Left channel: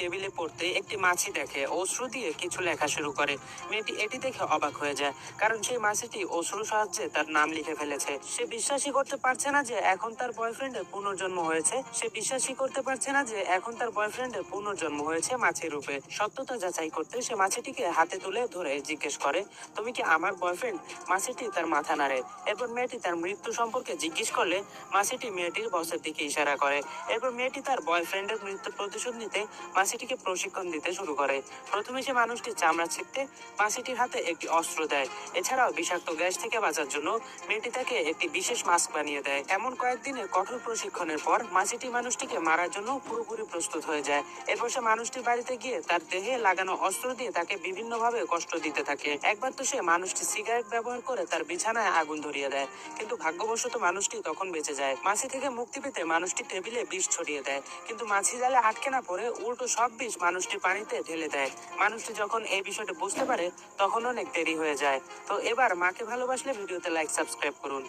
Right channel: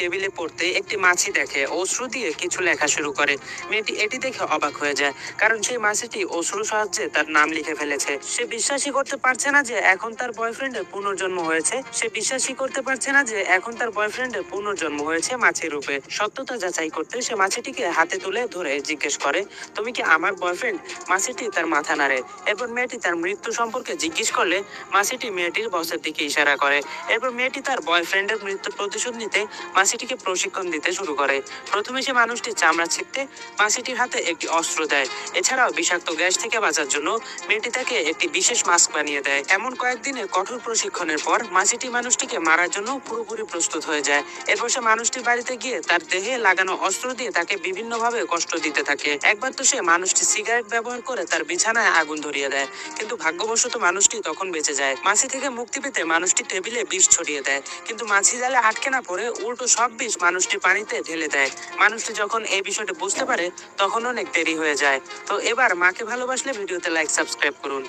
টেবিলে পড়তে একটি মাছি দেখে অশ্রু দিয়ে কিছু লেখা শুরু করে। মেয়েটি এটি দেখে অবাক হয়ে যায়, কারণ সেই মাছিটি অশ্রু সাহায্যে তার নাম লিখে ফেলেছে। সে বিশ্বাসই করতে পারছে না যে এখন তার বয়ফ্রেন্ডের পুনর্জন্ম হয়েছে। মাছির রূপে। সত্যতা যাচাই করতে সে মাছিটিকে হাতে তুলে ধরে জিজ্ঞেস করে, তুমি কি আমার বয়ফ্রেন্ড? মাছিটি তার মাথা নাড়ে। এরপর মেয়েটি তার মৃত্যু সম্পর্কে জিজ্ঞেস করলে মাছিটি মেয়েটির বসের দিকে ইশারা করে। এরপর মেয়েটি তার বয়ফ্রেন্ডের মৃত্যুর প্রতিশোধ নিতে মাছিটিকে প্রশিক্ষণ দিতে শুরু করে। প্রথমে সে মানুষটির চামড়া ছিঁড়তে মাছিটির হাতে একটি অস্ত্র দেয়। এছাড়াও বিষাক্ত গ্যাস থেকে বাঁচার জন্য মেয়েটি তাকে একটি বিশেষ মাস্ক বানিয়ে দেয়। এমন কয়েকদিনের কঠোর প্রশিক্ষণের পর মাছিটি মানুষটিকে মারার জন্য পুরোপুরি প্রস্তুত হয়ে যায়। এরপর সে মানুষটির বাড়িতে গিয়ে তার দেহে লাগানো অস্ত্র দিয়ে তাকে বিভিন্নভাবে কষ্ট দিতে থাকে। একবার তো সে মানুষটি সিগারেট ব্যবহার করে তার বিছানায় আগুন ধরিয়ে দেয়, কিন্তু ভাগ্যবশত মানুষটি তখন বেঁচে যায়। মাছি থেকে মুক্তি পেতে মানুষটি টেবিলে বিষ ছড়িয়ে দেয়, কিন্তু মাছি জালে আটকে না পড়ে উল্টো সব বিষ মানুষটি পানিতে ঢেলে দেয়। মানুষটি যখন এই বিষয়টা বুঝতে পারে তখন অনেক দেরি হয়ে যায়। তো এবার মাকে ভালোবাসলে ভিডিওতে লাইক সাবস্ক্রাইব করুন।